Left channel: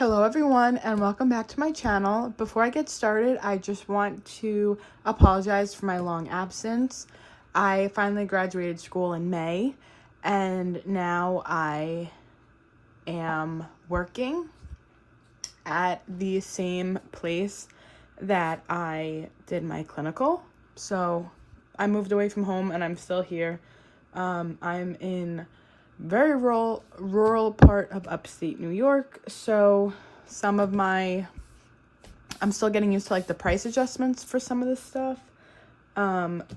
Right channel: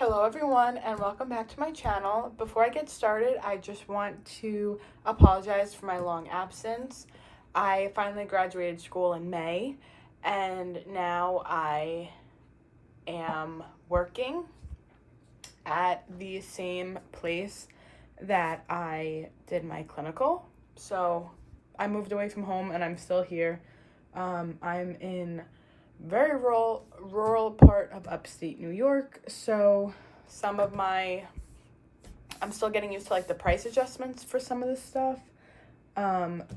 Hello everyone and welcome back to my channel. Before I get started, I just want to apologize for my long absence. I finally graduated school in May and now I am working at the same place that I did my clinical. So I moved away from home and I'm still here. I'm in very rural part of upstate New York, so I'm still getting used to like the price adjustments for some of this stuff,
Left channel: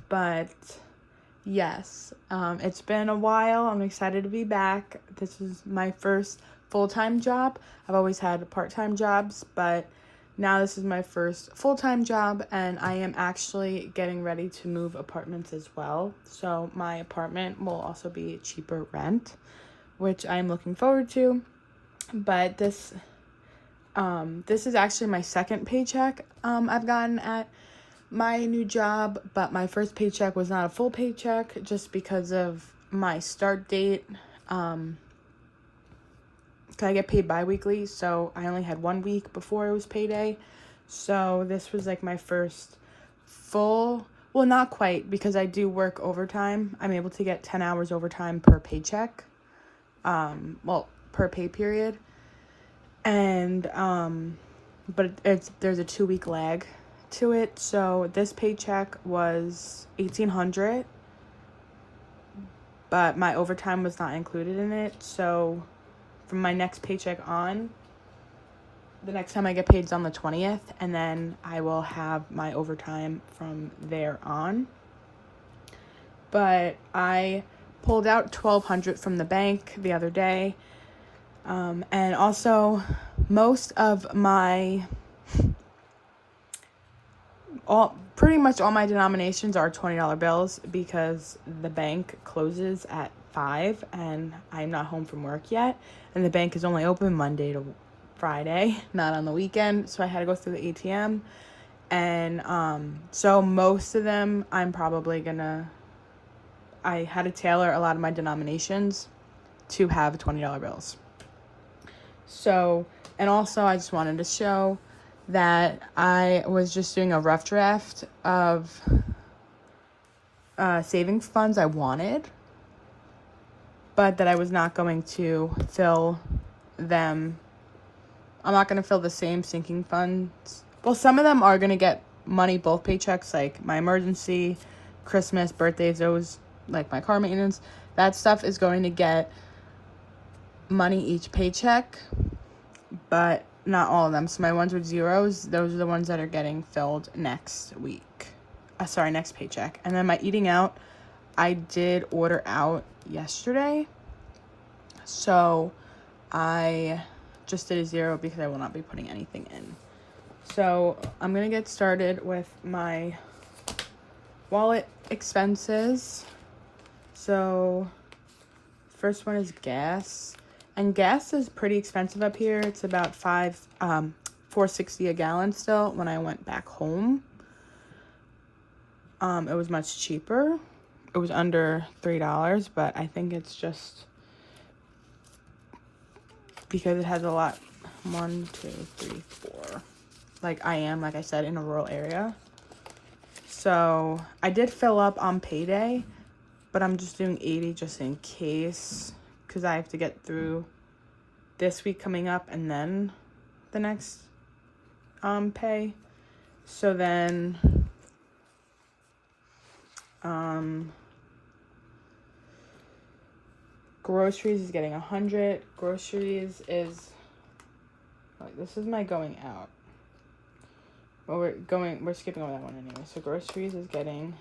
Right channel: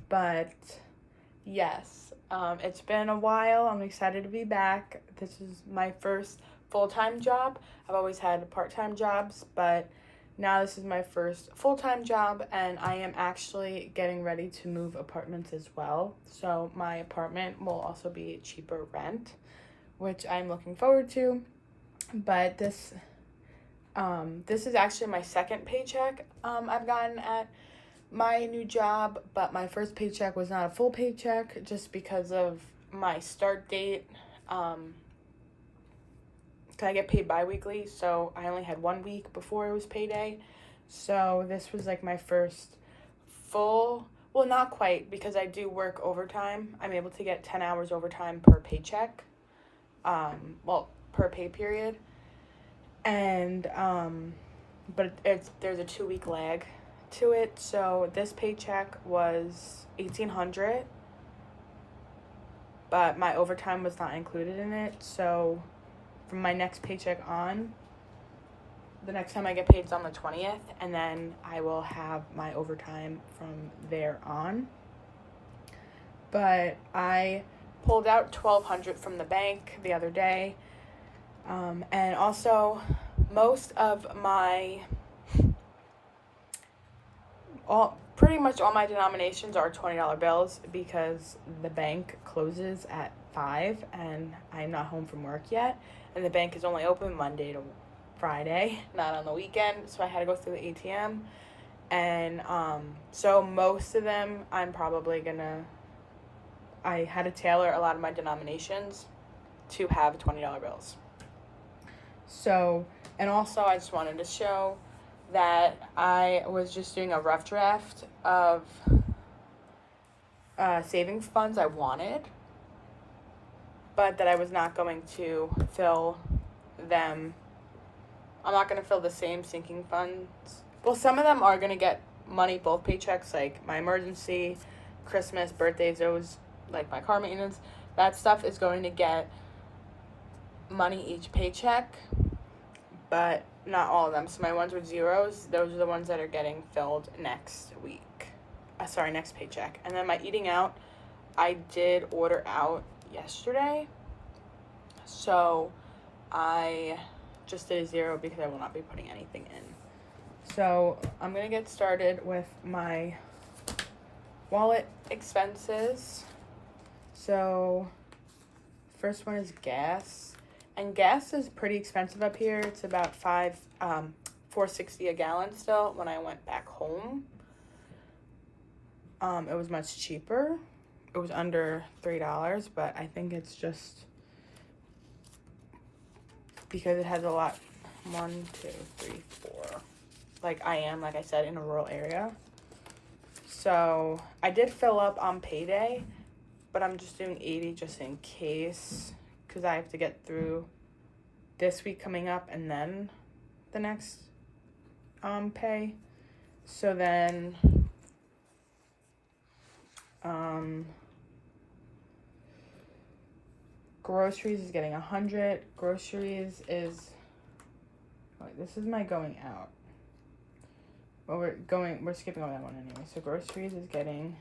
but yes, it's been a while. I'm excited to be back. This is my first full-time job. I've always had part-time jobs, but now this is my first full-time job, and I am actually getting ready to move apartments as well. So my apartment will also be cheaper rent, which I'm looking forward to. But this is actually my second paycheck I've gotten at my new job, but my first paycheck was not a full paycheck just because of my start date. I get paid bi-weekly, so I only had 1 week before it was payday. So this was like my first full, well, not quite, because I do work overtime. I'm able to get 10 hours overtime per paycheck, per pay period. And but there's a 2-week lag to it. So this paycheck was $1,800, but my overtime was not included in it. So from my next paycheck on, the next time I get paid is on the 20th, and then I will have my overtime from there on. But I pulled out $1,200 from the bank the other day, and also most of my pretty much all my denominations are $20 bills because the bank closes at 5 and I'm not home from work yet, and the bank is only open Monday to Friday, not on the weekend, so I had to go through the ATM. And so most of them I had to tailor a lot of my denominations to have $20 bills. So, and also I just wanted to show that I was just doing a rough draft of savings funds I wanted, but that I was not going to fill them. I'm not going to fill the same sinking funds. Well, some of them are going to get money both paychecks, like my emergency, Christmas, birthdays, those, like my car maintenance. That stuff is going to get money each paycheck, but not all of them. So my ones with zeros, those are the ones that are getting filled next week. Next paycheck. And then my eating out, I did order out yesterday. So I just did a zero because I will not be putting anything in. So I'm going to get started with my wallet expenses. So first one is gas. And gas is pretty expensive up here. It's about $4.60 a gallon still. When I went back home, it was much cheaper. It was under $3, but I think it's just because it has a lot. 1, 2, 3, 4. Like I said, in a rural area. So I did fill up on payday, but I'm just doing 80 just in case, because I have to get through this week coming up and then the next pay. So then groceries is getting 100. Groceries is, this is my going out. Well, we're skipping over that one anyway. So groceries is getting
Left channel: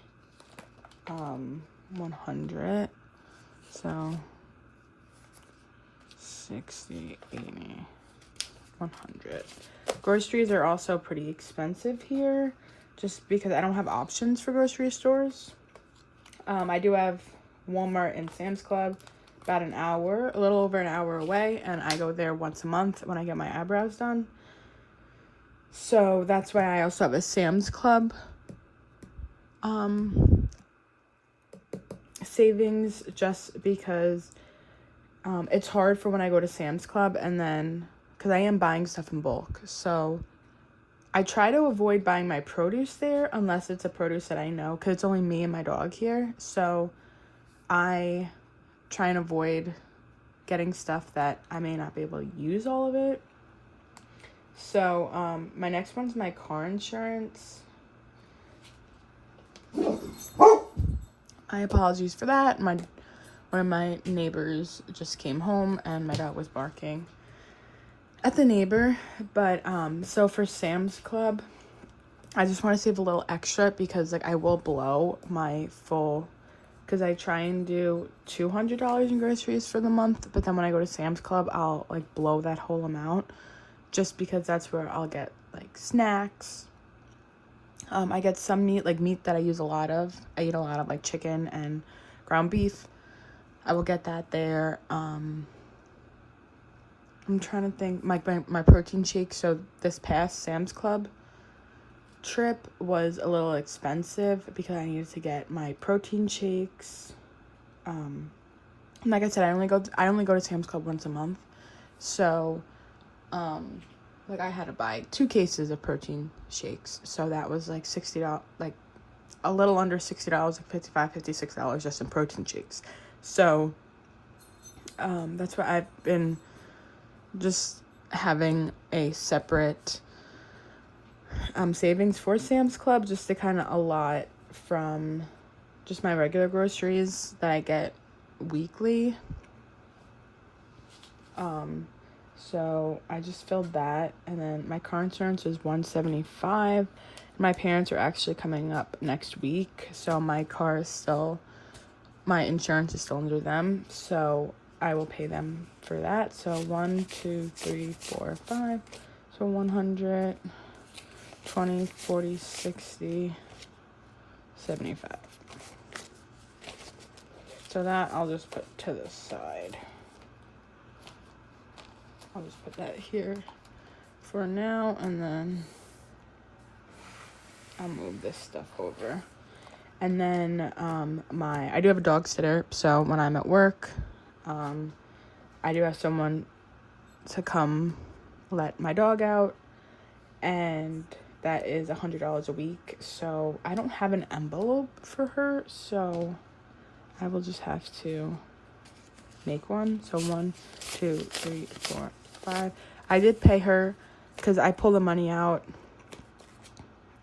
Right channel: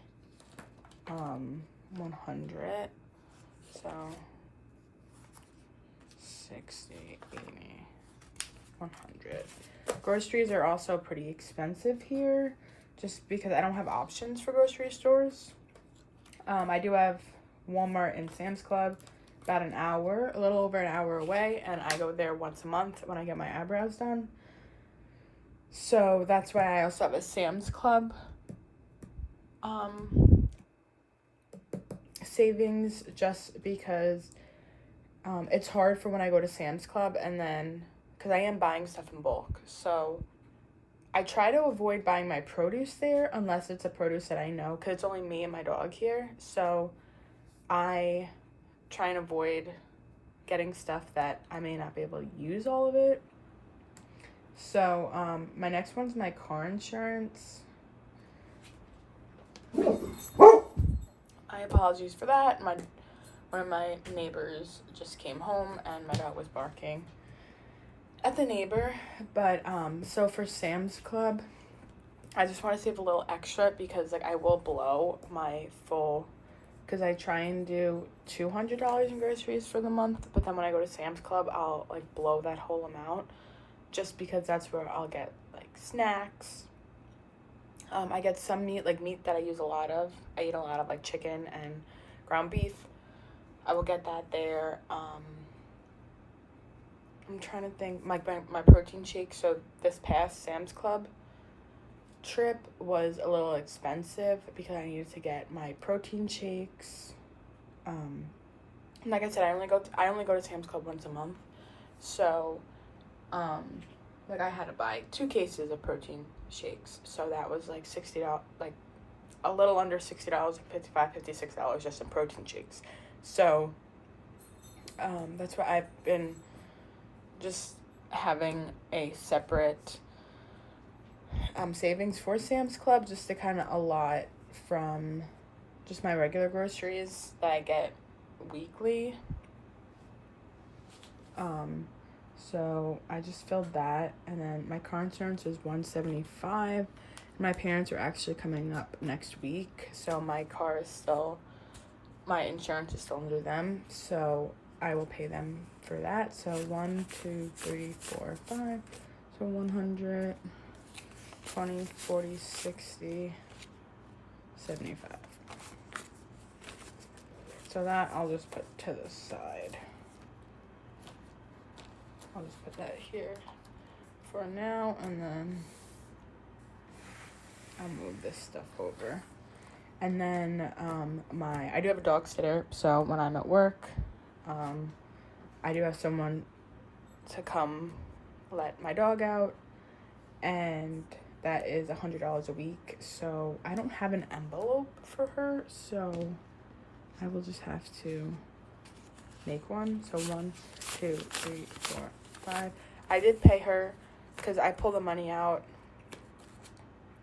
100. So 60, 80, 100. Groceries are also pretty expensive here just because I don't have options for grocery stores. I do have Walmart and Sam's Club about a little over an hour away, and I go there once a month when I get my eyebrows done. So that's why I also have a Sam's Club savings, just because it's hard for when I go to Sam's Club and then because I am buying stuff in bulk. So I try to avoid buying my produce there unless it's a produce that I know, because it's only me and my dog here. So I try and avoid getting stuff that I may not be able to use all of it. So my next one's my car insurance. I apologize for that. One of my neighbors just came home and my dog was barking at the neighbor. But so for Sam's Club, I just want to save a little extra because like I will blow my full, because I try and do $200 in groceries for the month, but then when I go to Sam's Club, I'll like blow that whole amount, just because that's where I'll get like snacks. I get some meat, like meat that I use a lot of. I eat a lot of like chicken and ground beef. I will get that there. I'm trying to think, my protein shake. So this past Sam's Club trip was a little expensive because I needed to get my protein shakes. Like I said, I only go to Sam's Club once a month. So like I had to buy 2 cases of protein shakes, so that was like $60, like a little under $60, like $55-$56 just in protein shakes. So that's why I've been just having a separate savings for Sam's Club, just to kind of allot from just my regular groceries that I get weekly. So I just filled that, and then my car insurance is $175. My parents are actually coming up next week, so my insurance is still under them, so I will pay them for that. So 1, 2, 3, 4, 5, so 100, 20, 40, 60, 75. So that I'll just put to the side. I'll just put that here for now, and then I'll move this stuff over. And then I do have a dog sitter, so when I'm at work, I do have someone to come let my dog out, and that is $100 a week. So I don't have an envelope for her, so I will just have to make one. So 1, 2, 3, 4, 5. I did pay her because I pull the money out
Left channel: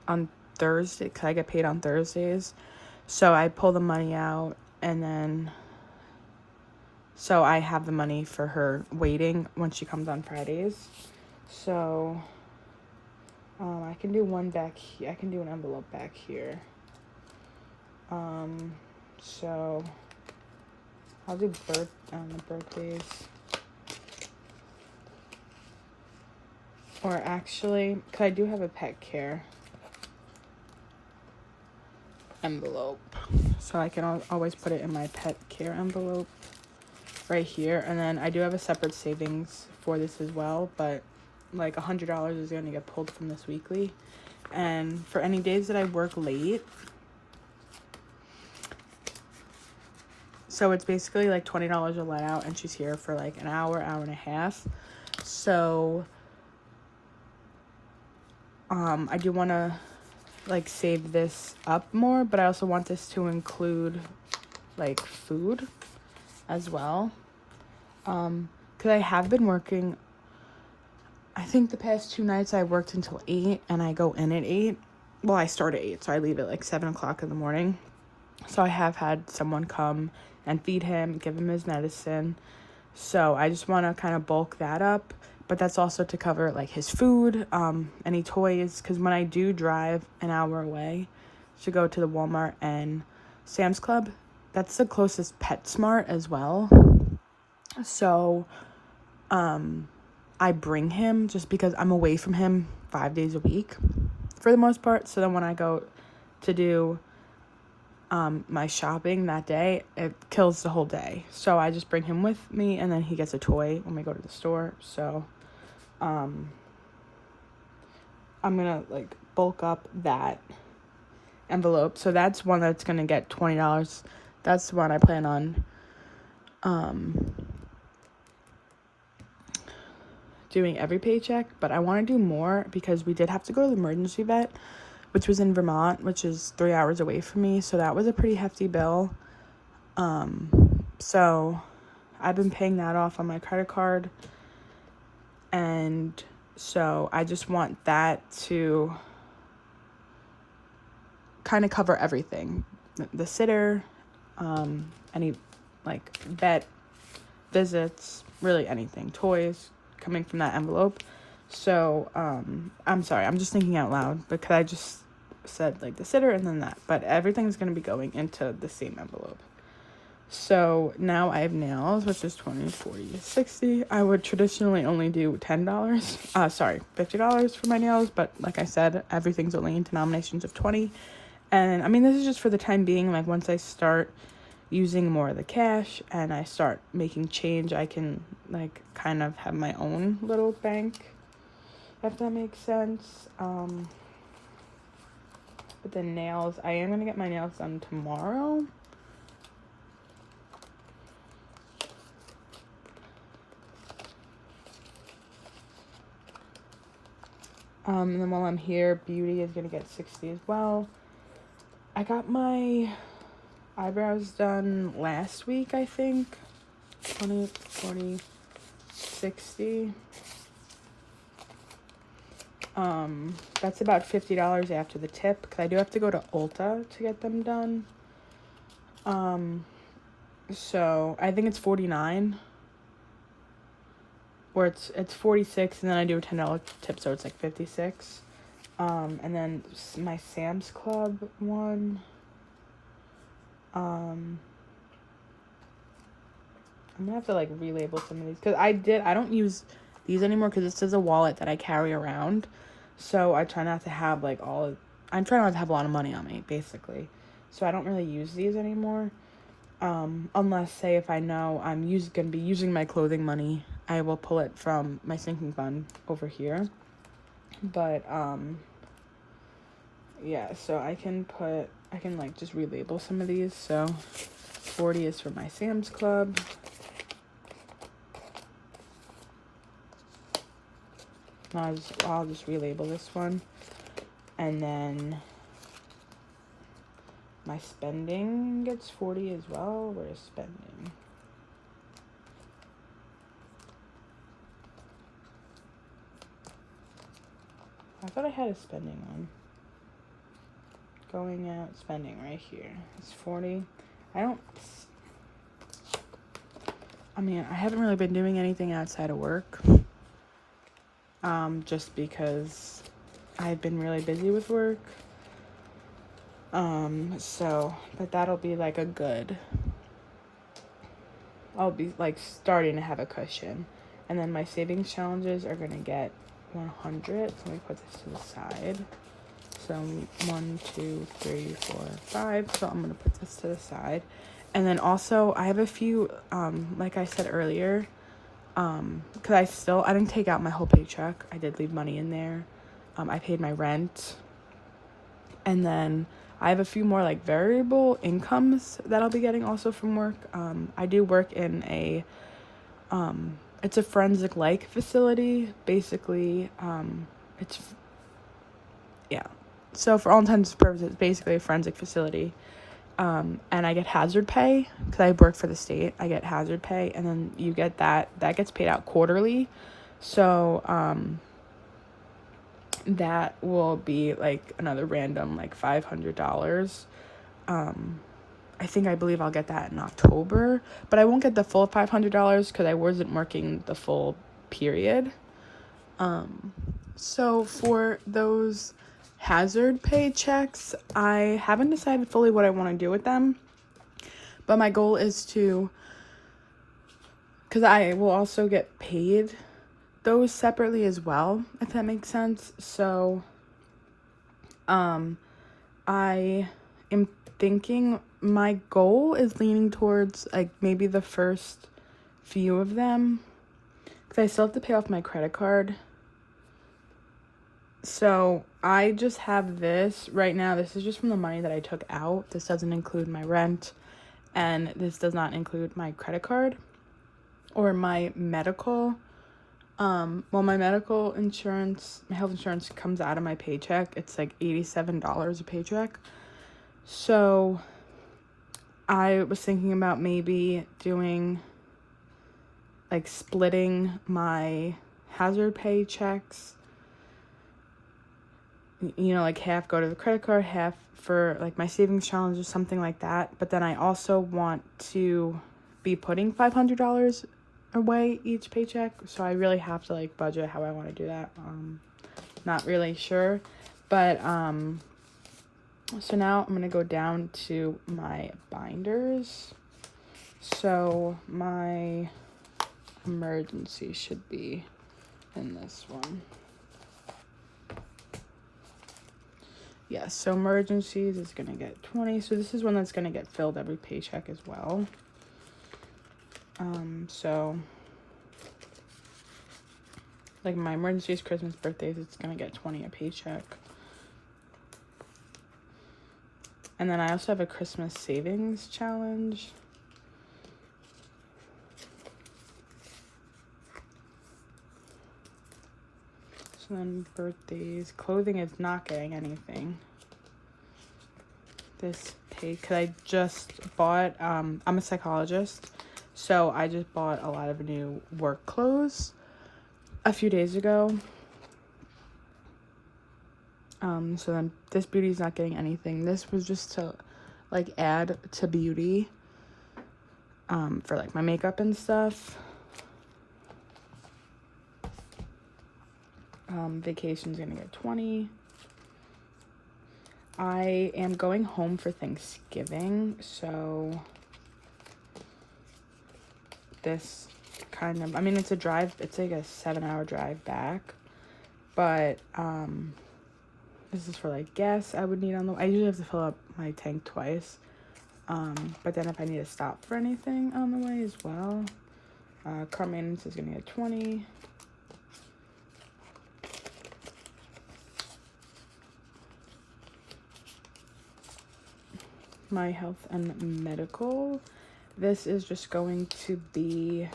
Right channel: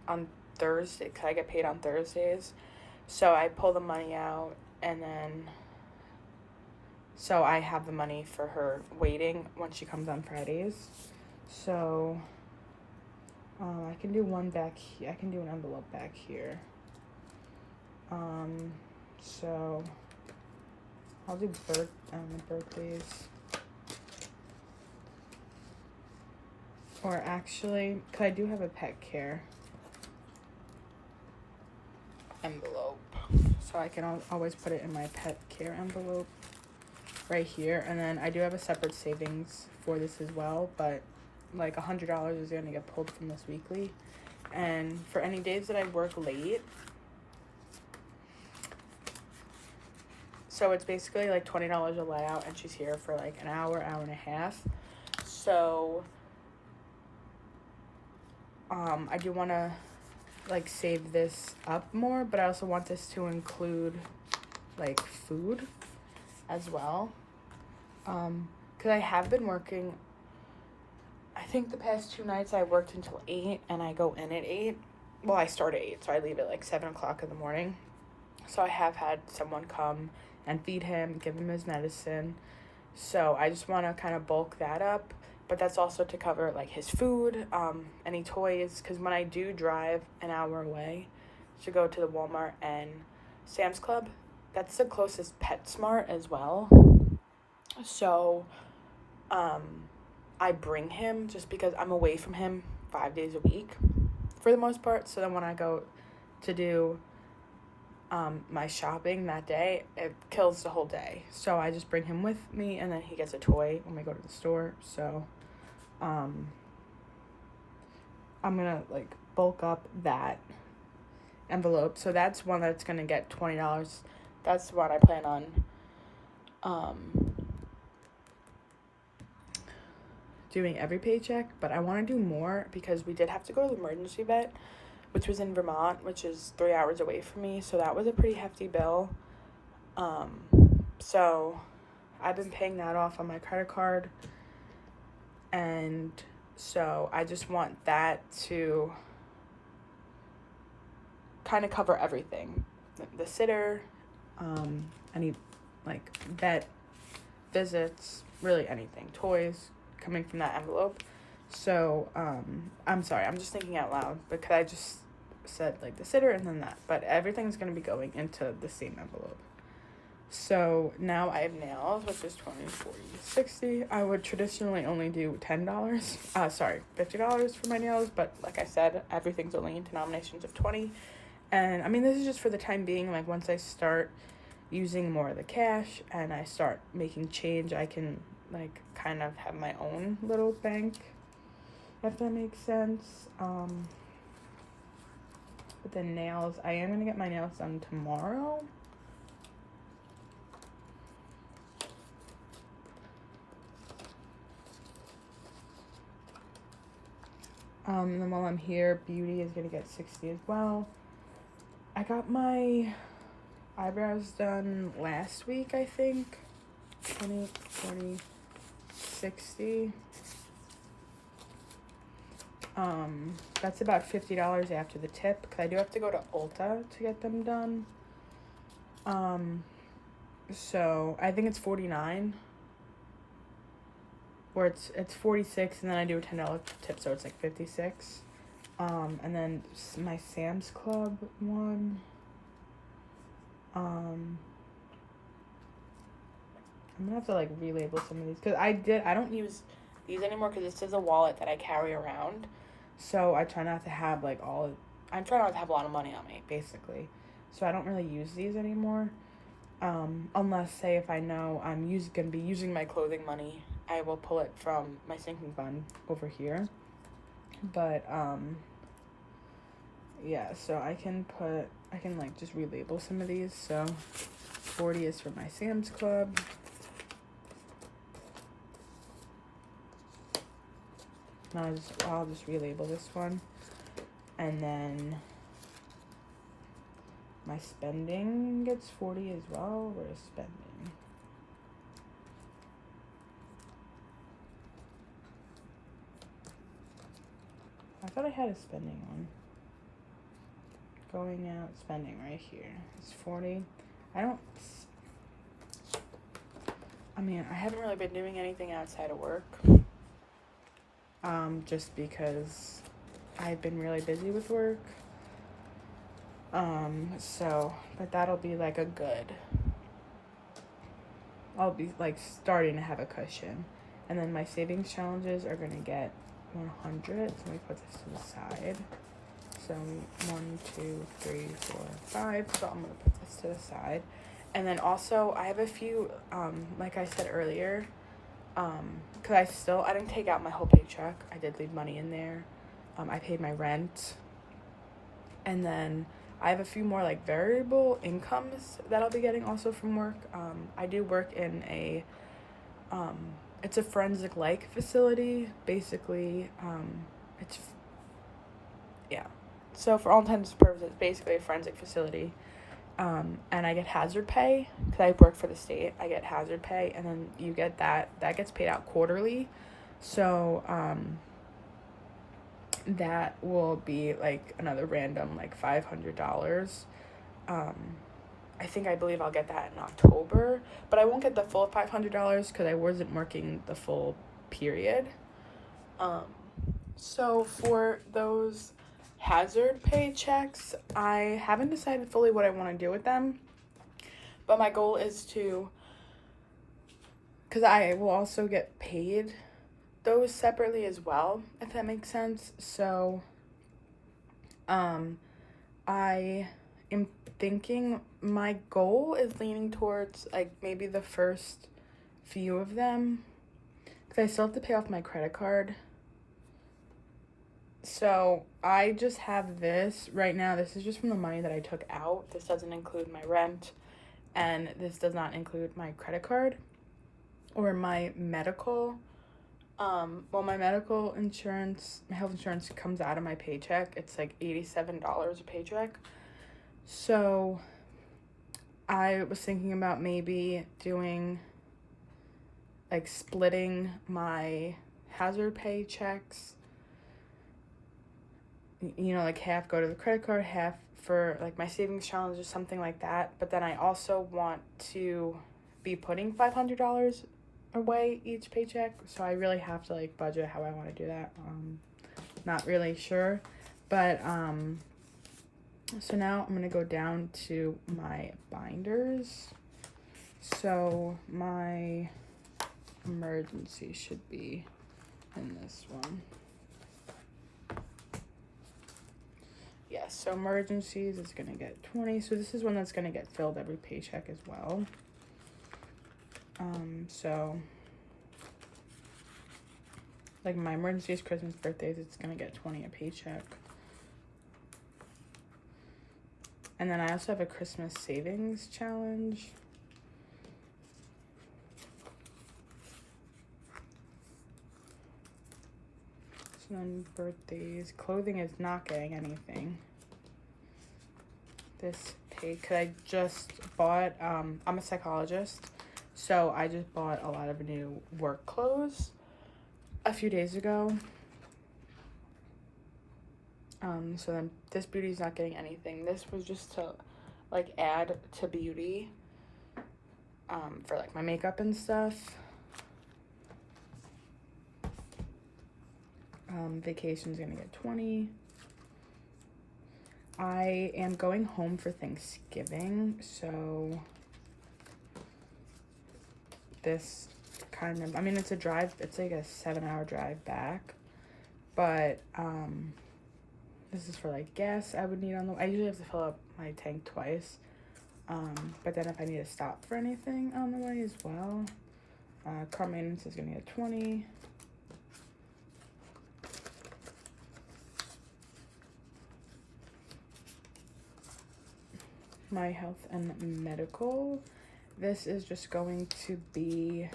on Thursday, because I get paid on Thursdays. So I pull the money out, and then so I have the money for her waiting when she comes on Fridays. So I can do one back here. I can do an envelope back here. So I'll do birthdays. Or actually, because I do have a pet care envelope, so I can always put it in my pet care envelope right here. And then I do have a separate savings for this as well, but like $100 is going to get pulled from this weekly. And for any days that I work late, so it's basically like $20 a layout, and she's here for like an hour and a half. So I do want to like save this up more, but I also want this to include like food as well, because I have been working, I think the past 2 nights I worked until 8, and I go in at 8. Well, I start at 8, so I leave at like 7 o'clock in the morning. So I have had someone come and feed him, give him his medicine. So I just want to kind of bulk that up. But that's also to cover like his food, any toys, because when I do drive an hour away to go to the Walmart and Sam's Club, that's the closest PetSmart as well. So I bring him just because I'm away from him 5 days a week for the most part. So then when I go to do my shopping that day, it kills the whole day. So I just bring him with me, and then he gets a toy when we go to the store. So I'm gonna like bulk up that envelope. So that's one that's gonna get $20. That's the one I plan on doing every paycheck, but I want to do more because we did have to go to the emergency vet, which was in Vermont, which is 3 hours away from me. So that was a pretty hefty bill. So I've been paying that off on my credit card. And so I just want that to kind of cover everything. The sitter, any like vet visits, really anything, toys coming from that envelope. So I'm sorry, I'm just thinking out loud because I just said like the sitter and then that, but everything's going to be going into the same envelope. So now I have nails, which is 20, 40, 60. I would traditionally only do $50 for my nails, but like I said, everything's only in denominations of 20. And I mean, this is just for the time being. Like once I start using more of the cash and I start making change, I can like kind of have my own little bank, if that makes sense. But the nails, I am gonna get my nails done tomorrow. And then while I'm here, beauty is gonna get 60 as well. I got my eyebrows done last week, I think. 20, 40, 60. That's about $50 after the tip, because I do have to go to Ulta to get them done. So I think it's 49. Or it's 46, and then I do a $10 tip, so it's like 56. And then my Sam's Club one. I'm gonna have to like relabel some of these because I don't use these anymore because this is a wallet that I carry around, so I try not to have like I'm trying not to have a lot of money on me basically, so I don't really use these anymore. Unless say if I know I'm gonna be using my clothing money, I will pull it from my sinking fund over here. But yeah, so I can like just relabel some of these. So 40 is for my Sam's Club. I'll just relabel this one. And then my spending gets 40 as well. Where's spending? I thought I had a spending one. Going out, spending right here. It's 40. I haven't really been doing anything outside of work. Just because I've been really busy with work. But that'll be like I'll be like starting to have a cushion. And then my savings challenges are gonna get 100. So let me put this to the side. So 1, 2, 3, 4, 5. So I'm gonna put this to the side. And then also I have a few, like I said earlier, because I didn't take out my whole paycheck. I did leave money in there. I paid my rent. And then I have a few more like variable incomes that I'll be getting also from work. I do work in it's a forensic facility. Basically, so for all intents and purposes, it's basically a forensic facility. And I get hazard pay because I work for the state. I get hazard pay, and then you get that gets paid out quarterly. So that will be like another random like $500. I believe I'll get that in October, but I won't get the full $500 because I wasn't working the full period. So for those hazard pay checks, I haven't decided fully what I want to do with them, but my goal is because I will also get paid those separately as well, if that makes sense. So I am thinking my goal is leaning towards like maybe the first few of them because I still have to pay off my credit card. So I just have this right now. This is just from the money that I took out. This doesn't include my rent, and this does not include my credit card or my medical. Well, my medical insurance, my health insurance comes out of my paycheck. It's like $87 a paycheck. So I was thinking about maybe doing, like, splitting my hazard pay checks. You know, like half go to the credit card, half for like my savings challenge or something like that. But then I also want to be putting $500 away each paycheck, so I really have to like budget how I want to do that. Not really sure, but so now I'm gonna go down to my binders. So my emergency should be in this one. Yeah, so emergencies is gonna get 20. So this is one that's gonna get filled every paycheck as well. So like my emergencies, Christmas, birthdays, it's gonna get 20 a paycheck. And then I also have a Christmas savings challenge. So then birthdays, clothing is not getting anything this pay, because I just bought, I'm a psychologist, so I just bought a lot of new work clothes a few days ago. So then this beauty's not getting anything. This was just to like add to beauty, for like my makeup and stuff. Vacation's gonna get 20. I am going home for Thanksgiving, so this kind of, I mean, it's a drive, it's like a 7-hour drive back, but this is for like gas I would need on the way. I usually have to fill up my tank twice, but then if I need to stop for anything on the way as well. Car maintenance is gonna get 20. My health and medical, this is just going to be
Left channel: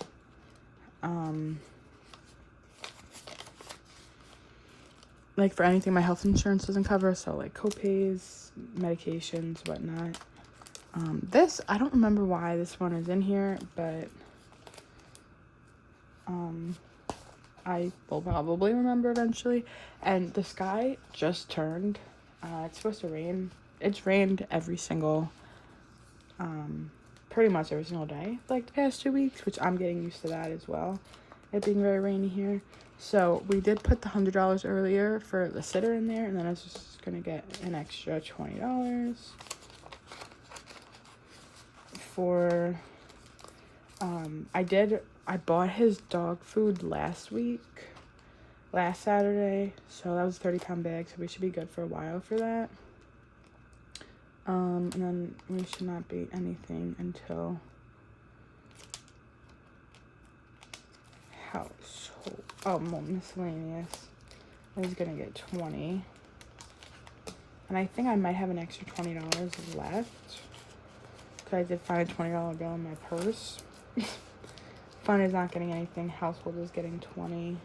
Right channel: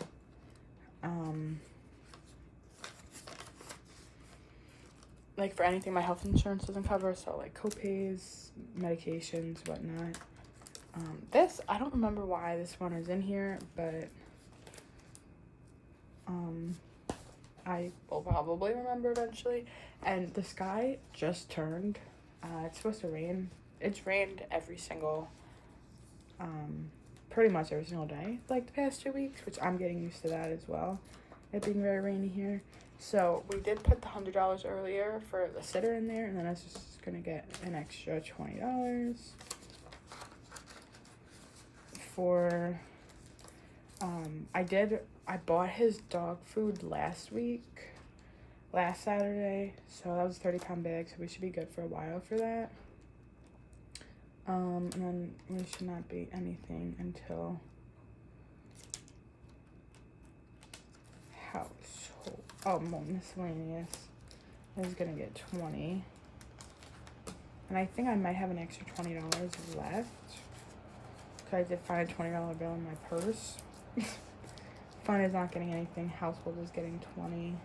like for anything my health insurance doesn't cover, so like copays, medications, whatnot. This, I don't remember why this one is in here, but I will probably remember eventually. And the sky just turned. It's supposed to rain. It's rained every single, pretty much every single day, like the past 2 weeks, which I'm getting used to that as well, it being very rainy here. So we did put the $100 earlier for the sitter in there, and then I was just gonna get an extra $20 for, I bought his dog food last Saturday, so that was a 30-pound bag, so we should be good for a while for that. And then we should not be anything until household. Oh, more miscellaneous is gonna get 20. And I think I might have an extra $20 left, because I did find a $20 bill in my purse. Fun is not getting anything. Household is getting 20.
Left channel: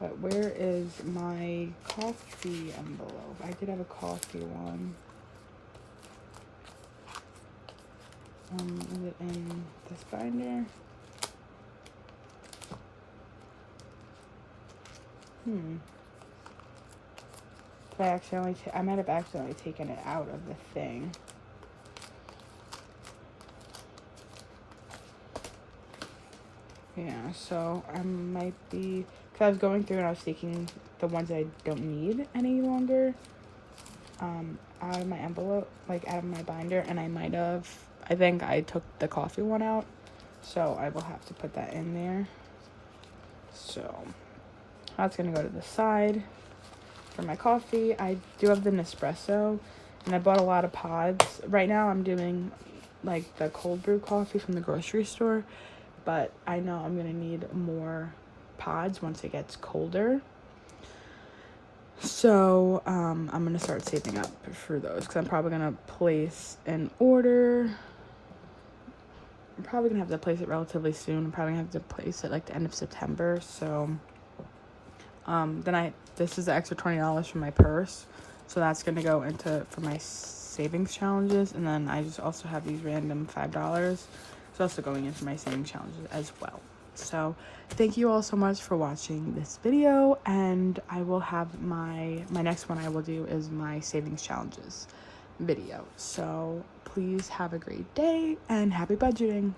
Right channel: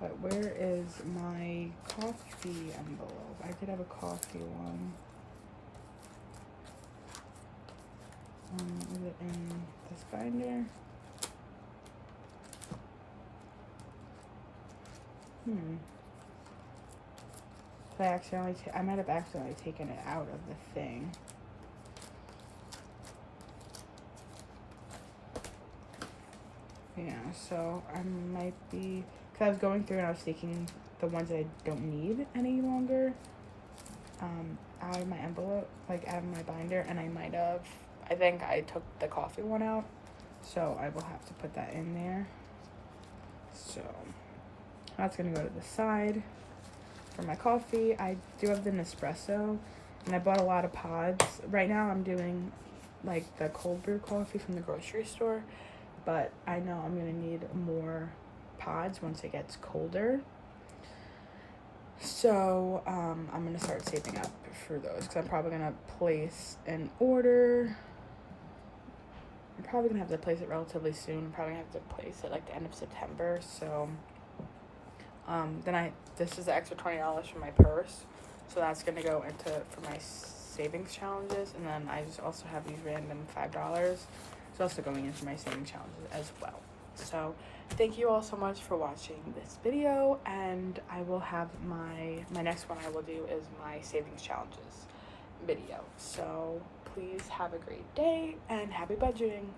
But where is my coffee envelope? I did have a coffee one. Is it in this binder? I might have accidentally taken it out of the thing. Yeah, so I might be, because I was going through and I was taking the ones I don't need any longer out of my envelope, like out of my binder, and I think I took the coffee one out, so I will have to put that in there. So that's gonna go to the side. For my coffee, I do have the Nespresso, and I bought a lot of pods. Right now I'm doing like the cold brew coffee from the grocery store, but I know I'm gonna need more pods once it gets colder. So I'm gonna start saving up for those, because I'm probably gonna place an order probably gonna have to place it relatively soon. I'm probably gonna have to place it like the end of September. So this is the extra $20 from my purse, so that's gonna go into for my savings challenges. And then I just also have these random $5. It's also going into my savings challenges as well. So thank you all so much for watching this video, and I will have my next one I will do is my savings challenges video. So please have a great day and happy budgeting.